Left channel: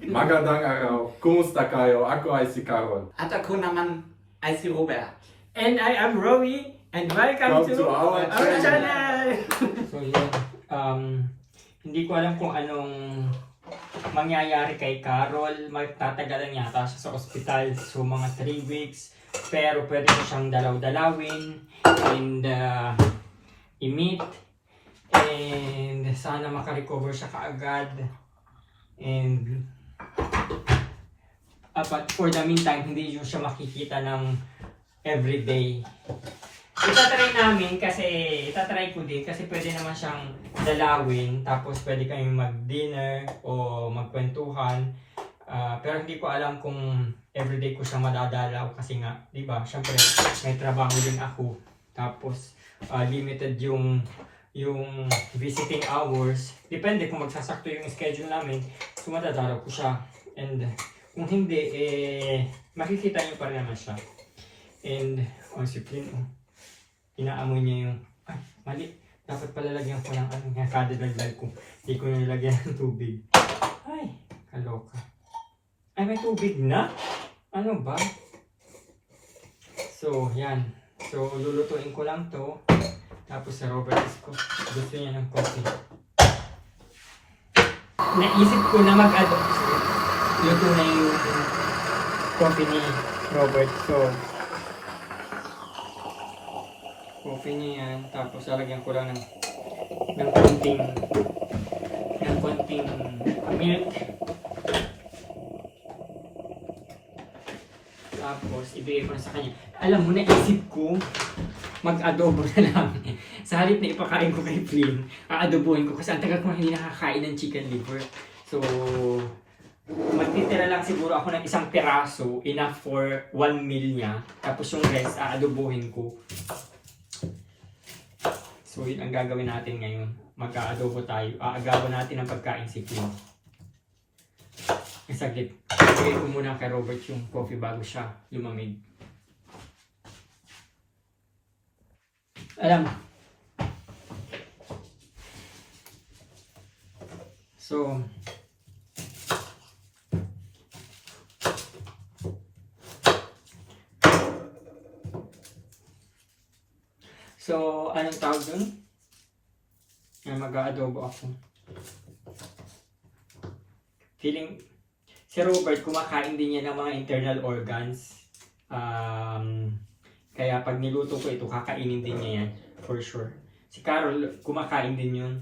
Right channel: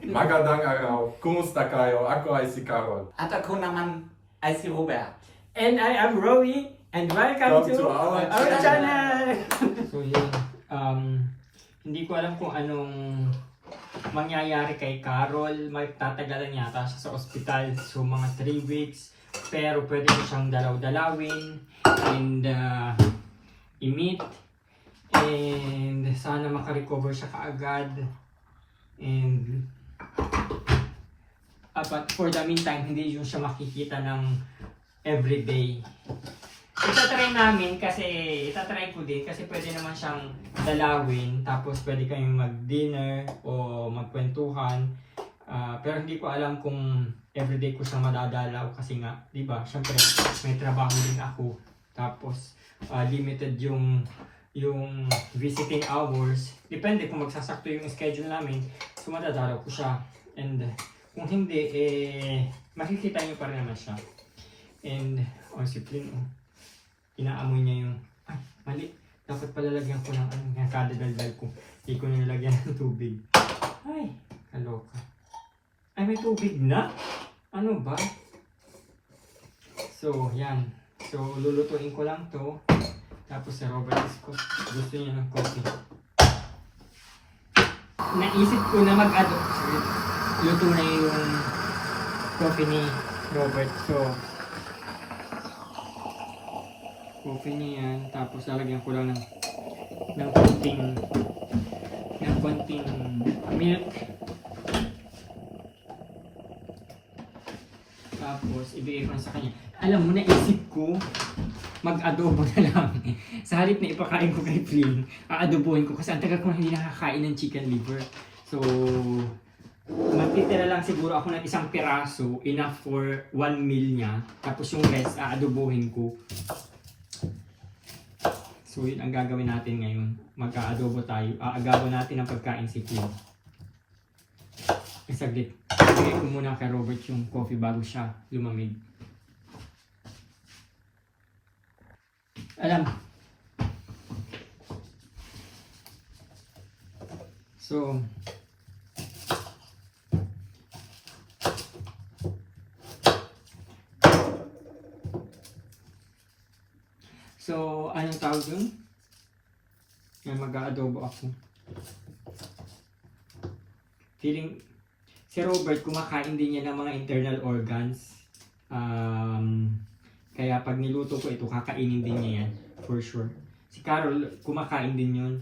Magandang araw. Kumusta kayo? Ako ay si Carol. At ako naman ay si Robert. And I am Rowie, and welcome Come to our channel! So yun, hindi ko alam kung anong mangyayari kay Carol. Magtatagalan yata siya sa ospital. So mga 3 weeks. Pero pwede ko siyang dalaw-dalawin and i-meet. And sana makarecover siya kaagad. And but for the meantime, hindi yun siya makikita ng everyday. Itatry namin kasi, itatry ko din kasi pwede naman siyang dalawin tapos pwede kayong mag-dinner o magkwentuhan. Pero hindi ko alam kung everyday ko siya madadalaw kasi nga, di ba, syempre may trabaho din ako. Tapos limited yung visiting hours. Depende kung magsasakto yung schedule namin. So madadalaw ko siya. And kung hindi, makikita niyo pa rin naman siya. And, si Plin, inaamoy niya yung, mali. Dapat palalagyan ko ng kada daldal ko. Hindi ko nilagyan ng tubig. Ay, kaloka. Ay, may tubig na? Ano ba? So, yan. So, lulutuin ko lang to. Tapos sa Robert ko, gusto niya ng coffee. Naisip ko na luto na yung coffee ni Robert. So, coffee niya yan. Tapos lalagyan ko lang ng konting milk. Tapos, ibigay ko na sa kanya. Alam mo, naisip ko, mag-adobo na lang. Sa halip na ipakain ko kay Flynn, aadobohin ko kasi ang tagal ko na hindi nakakain ng chicken liver. So, magtitira lang siguro ako ng isang piraso, enough for 1 meal niya. Tapos yung rest, aadobohin ko. So, yun ang gagawin natin ngayon. Mag-aadobo tayo. Aagawan natin ang pagkain si Flynn. Saglit. Bigay ko muna kay Robert yung coffee bago siya lumamig. Alam mo. So, anong tawag dun? Mag-aadobo ako. Feeling, si Robert kumakain din niya ng mga internal organs. Kaya pag niluto ko ito, kakainin din niya yan. For sure. Si Carol, kumakain din yun.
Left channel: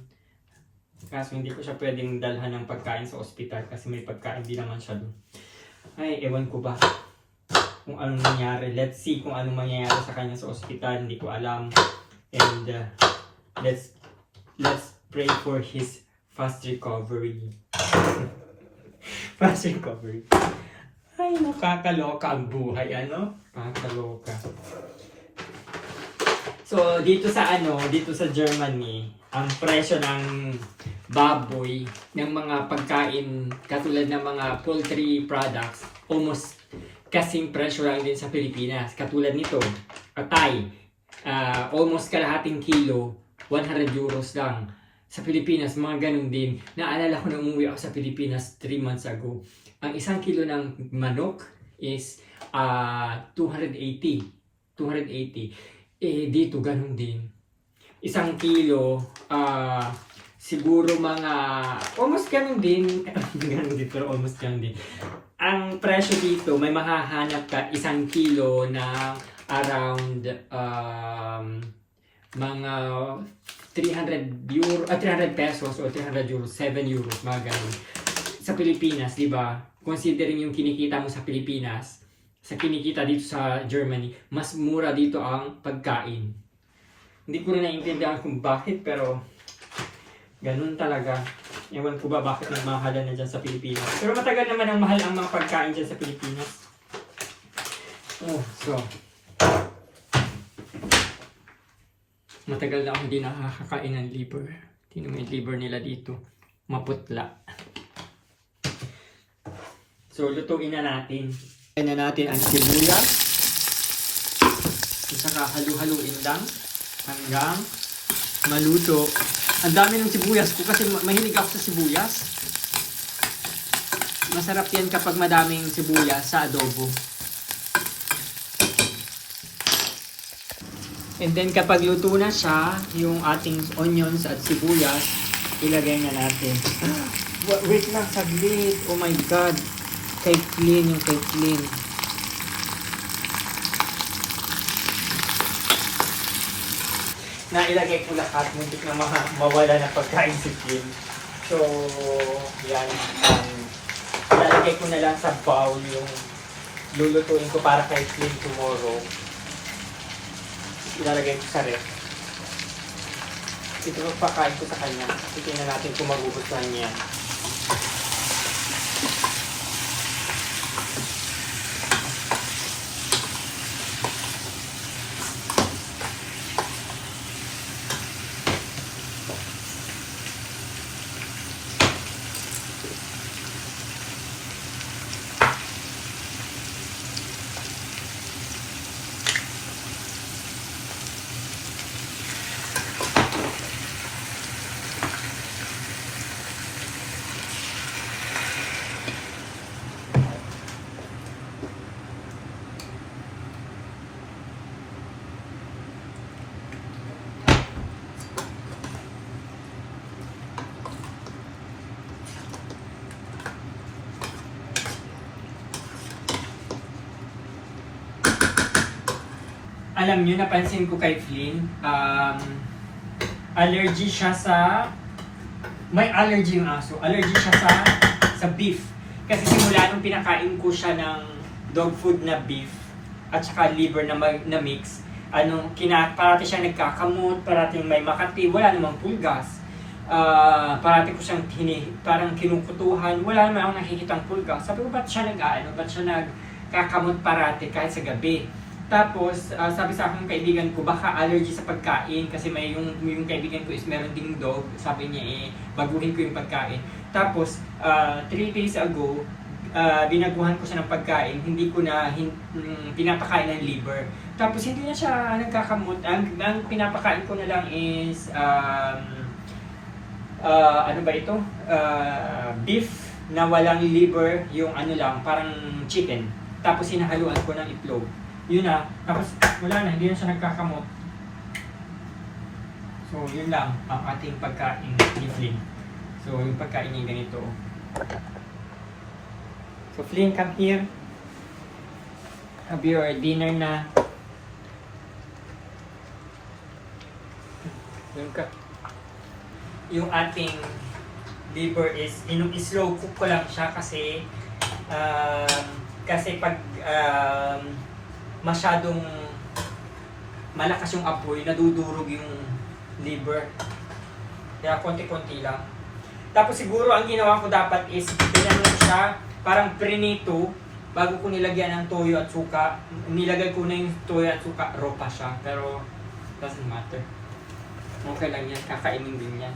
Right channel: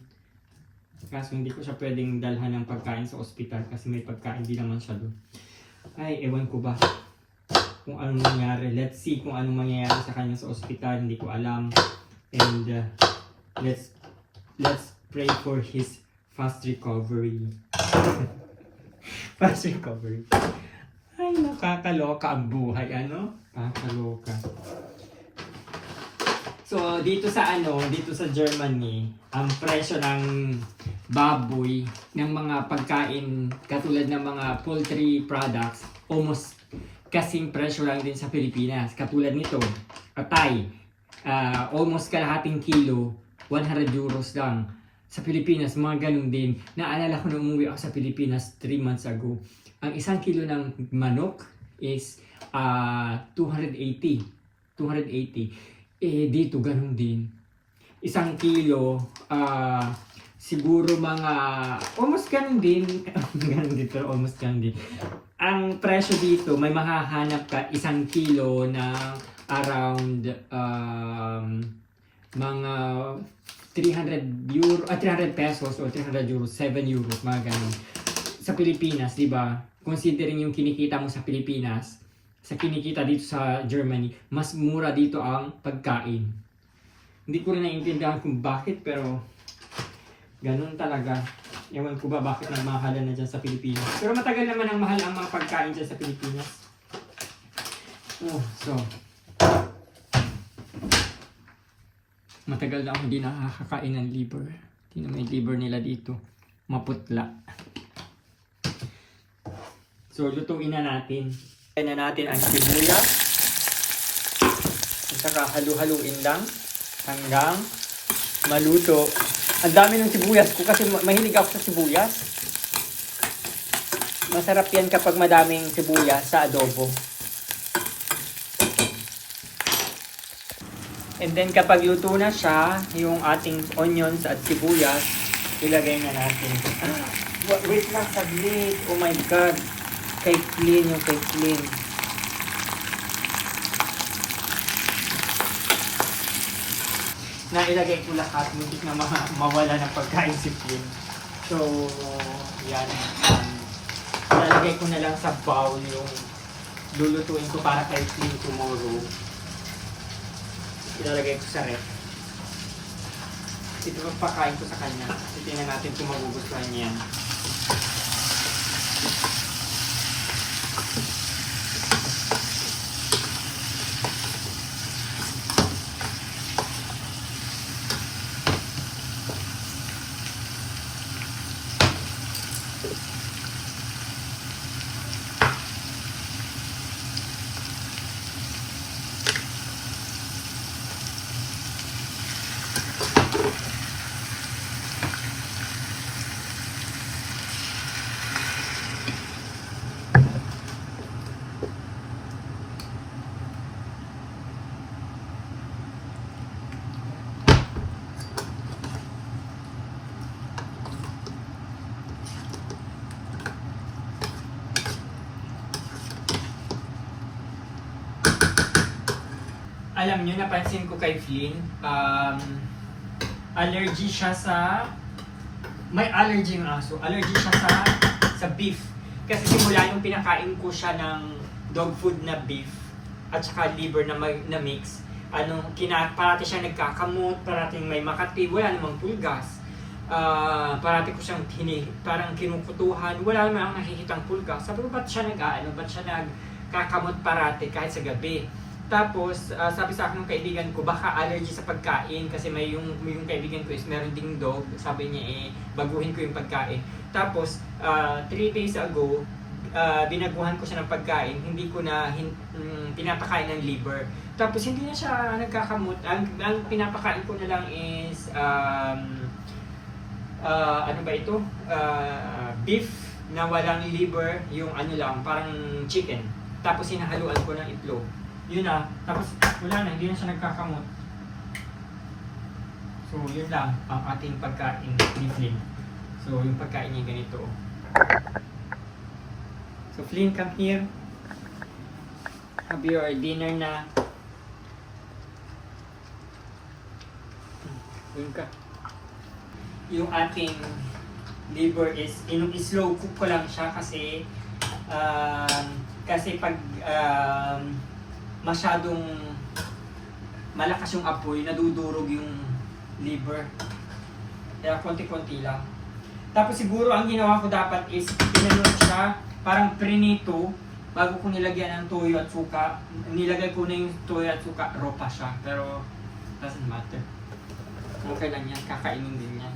Kaso hindi ko siya pwedeng dalhan ng pagkain sa ospital kasi may pagkain din naman siya doon. Ay, ewan ko ba kung anong nangyari. Let's see kung anong mangyayari sa kanya sa ospital. Hindi ko alam. And let's pray for his fast recovery. Fast recovery. Ay, nakakaloka ang buhay, ano? Nakakaloka. So, dito sa Germany, ang presyo ng baboy, ng mga pagkain, katulad ng mga poultry products, almost kasing presyo lang din sa Pilipinas. Katulad nito, atay, almost kalahating kilo, 100 euros lang. Sa Pilipinas, mga ganun din. Naalala ko na umuwi ako sa Pilipinas 3 months ago. Ang isang kilo ng manok is 280. Dito ganun din. Isang kilo, siguro mga, almost ganun din. Ganun dito, almost ganun din. Ang presyo dito, may mahahanap ka isang kilo na around mga 300 pesos o 300 euros, 7 euros, mga ganun. Sa Pilipinas, di ba? Considering yung kinikita mo sa Pilipinas, sa kinikita dito sa Germany, mas mura dito ang pagkain. Hindi ko rin naiintindihan kung bakit, pero ganun talaga. Ewan ko ba bakit nagmahalan na dyan sa Pilipinas. Pero matagal naman ang mahal ang mga pagkain dyan sa Pilipinas. So, matagal na akong hindi nakakakain ng liver. Tingnan mo yung liver nila dito. Maputla. So, lutuin na natin. Ayan na natin ang sibuyas. At saka halu-haluin lang hanggang maluto. Ang dami ng sibuyas ko kasi mahilig ako sa sibuyas. Masarap yan kapag madaming sibuyas sa adobo. And then kapag luto na siya, yung ating onions at sibuyas, ilagay na natin. Wait lang, saglit. Oh my God. Kay clean yung kay clean. Nailagay ko lahat, muntik na mawala ng pagkain si Clean. So, yan. Ilalagay ko na lang sa bowl yung lulutuin ko para kay Clean tomorrow. Ilalagay ko sa ref. Ito pakain ko sa kanya. Tingnan natin kung magugustuhan niya yan. Alam nyo, napansin ko kay Flynn, allergy siya sa... May allergy yung aso. Allergy siya sa beef. Kasi simula nung pinakain ko siya ng dog food na beef at saka liver na mix, parati siya nagkakamot, parati may makati, wala namang pulgas. Parati ko siyang parang kinukutuhan, wala naman akong nakikitang pulgas. Sabi ko, ba't siya nagkakamot parati kahit sa gabi? Tapos, sabi sa akin ng kaibigan ko, baka allergy sa pagkain kasi may yung kaibigan ko is meron ding dog. Sabi niya, baguhin ko yung pagkain. Tapos, 3 days ago, binaguhan ko siya ng pagkain. Hindi ko na pinapakain ng liver. Tapos, hindi na siya nagkakamot. Ang pinapakain ko na lang is, beef na walang liver, yung parang chicken. Tapos, hinahaluan ko ng itlog. Yun na, tapos wala na, hindi na siya nagkakamot. So, yun lang ang ating pagkain ni Flynn. So, yung pagkain niya ganito. So, Flynn, come here. Have your dinner na. Yung ating liver is, slow cook ko lang siya kasi pag masyadong malakas yung apoy, nadudurog yung liver. Kaya konti-konti lang. Tapos siguro ang ginawa ko dapat is pinano ko siya, parang prinito, bago ko nilagyan ng toyo at suka. Nilagay ko na yung toyo at suka, raw pa siya. Pero doesn't matter. Okay lang yan, kakainin din yan.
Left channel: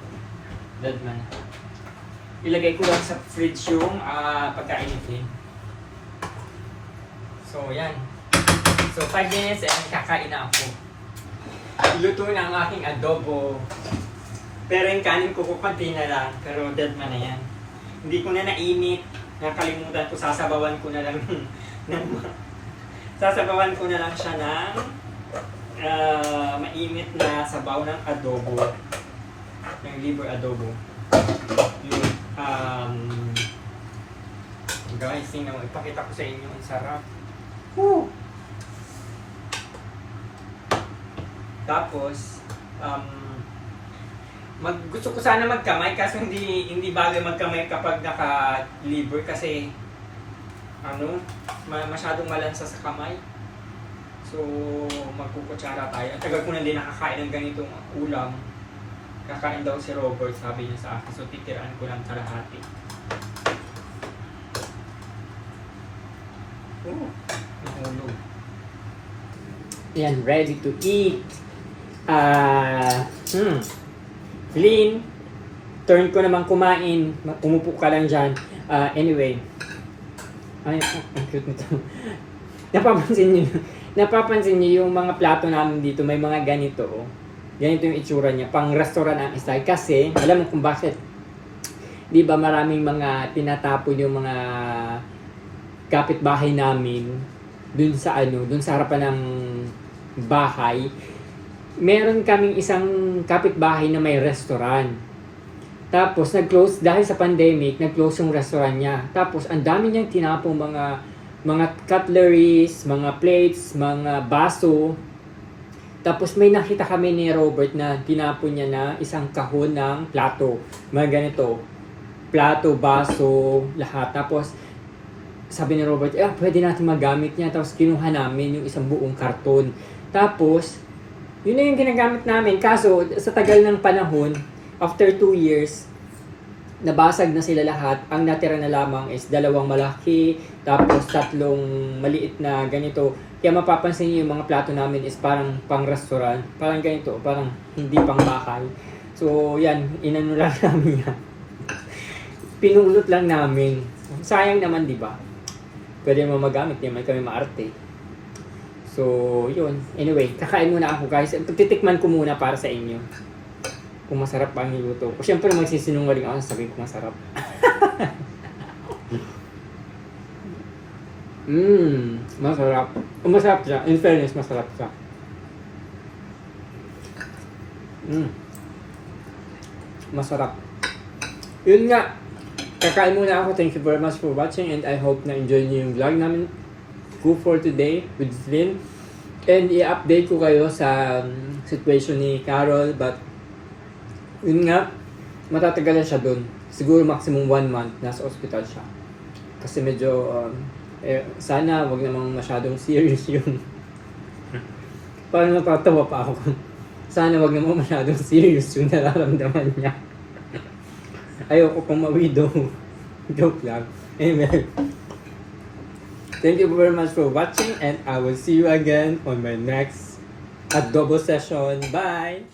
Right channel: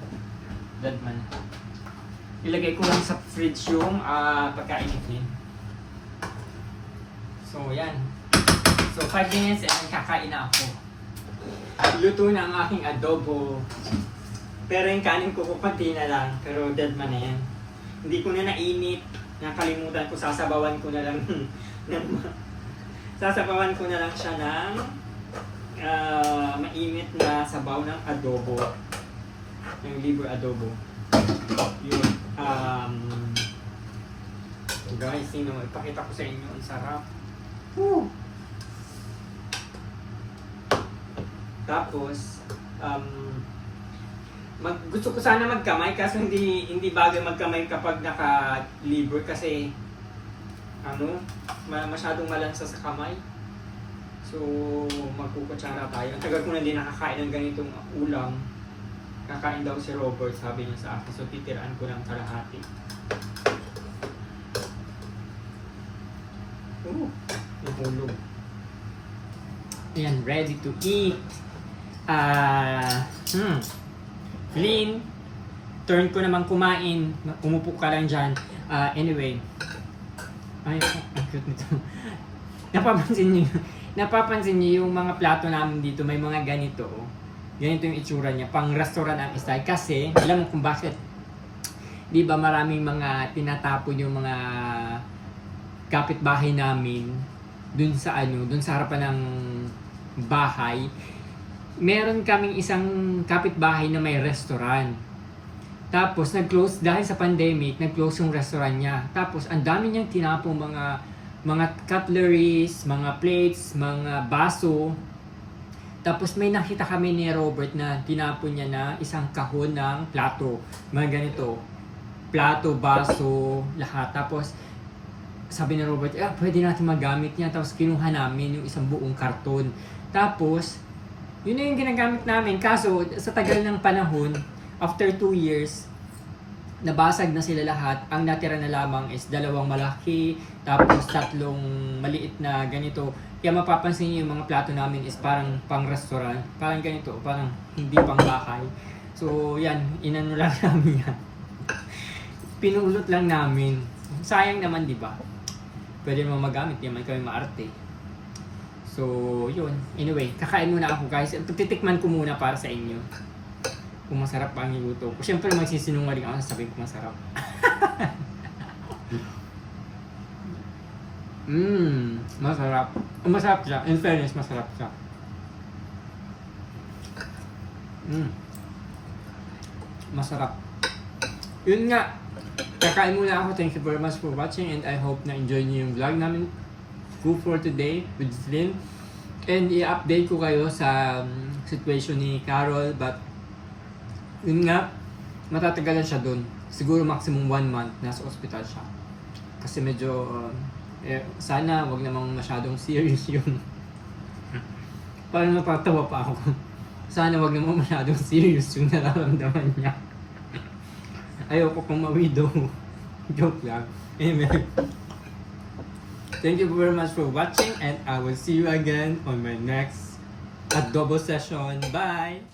Dadman. Ilagay ko lang sa fridge yung pagkain ni Flynn. So yan. So 5 minutes and kakain na ako. Luto na ang aking adobo. Pero yung kanin ko kukunti na lang. Pero dead man na yan. Hindi ko na nainit. Nakalimutan ko, sasabawan ko na lang sasabawan ko na lang siya ng mainit na sabaw ng adobo. Yung liver adobo. Yung, guys, tingnan, ipakita ko sa inyo ang sarap. Woo! Tapos, gusto ko sana magkamay kaso hindi bagay magkamay kapag naka-liver kasi masyadong malansa sa kamay. So, magkukutsara tayo. Ang tagal ko na din nakakain ng ganitong ulam. Kakain daw si Robert, sabi niya sa akin. So, titiraan ko lang kalahati. Nahulog. Yan, ready to eat. Flynn, turn ko naman kumain. Umupo ka lang dyan. Anyway. Ay, ang cute nito. Napapansin niyo yung mga plato namin dito, may mga ganito. Ganito yung itsura niya. Pang restaurant ang style. Kasi, alam mo kung bakit. 'di ba maraming mga tinatapon yung mga kapitbahay namin dun sa harapan ng bahay. Meron kaming isang kapitbahay na may restaurant. Tapos nag-close dahil sa pandemic, nag-close yung restaurant niya. Tapos ang dami niyang tinapong mga cutleries, mga plates, mga baso. Tapos may nakita kami ni Robert na tinapon niya na isang kahon ng plato. Mga ganito, plato, baso, lahat. Tapos sabi ni Robert, pwede natin magamit niya. Tapos kinuha namin yung isang buong karton. Tapos, yun na yung ginagamit namin. Kaso, sa tagal ng panahon, after 2 years, nabasag na sila lahat. Ang natira na lamang is 2 malaki, tapos 3 maliit na ganito. Kaya mapapansin niyo yung mga plato namin is parang pang-restaurant. Parang ganito, parang hindi pang-bahay. So, yan, inano lang namin yan. Pinulot lang namin. Sayang naman, di ba? Pwede naman magamit, hindi naman kami maarte. So, yun. Anyway, kakain muna ako guys. Titikman ko muna para sa inyo. Kung masarap pa ang niluto ko. Siyempre magsisinungaling ako sa sabihin kung masarap. Masarap. Masarap siya. In fairness, masarap siya. Masarap. Yun nga. Kakain muna ako. Thank you very much for watching and I hope na enjoy niyo yung vlog namin for today with Flynn. And i-update ko kayo sa situation ni Carol, but yun nga, matatagal na siya dun. Siguro maximum 1 month nasa hospital siya. Kasi medyo sana wag namang masyadong serious yun. Parang napatawa pa ako. Sana wag namang masyadong serious yung nararamdaman niya. Ayoko kung ma-widow. Joke lang. Amen. Thank you very much for watching and I will see you again on my next adobo session. Bye!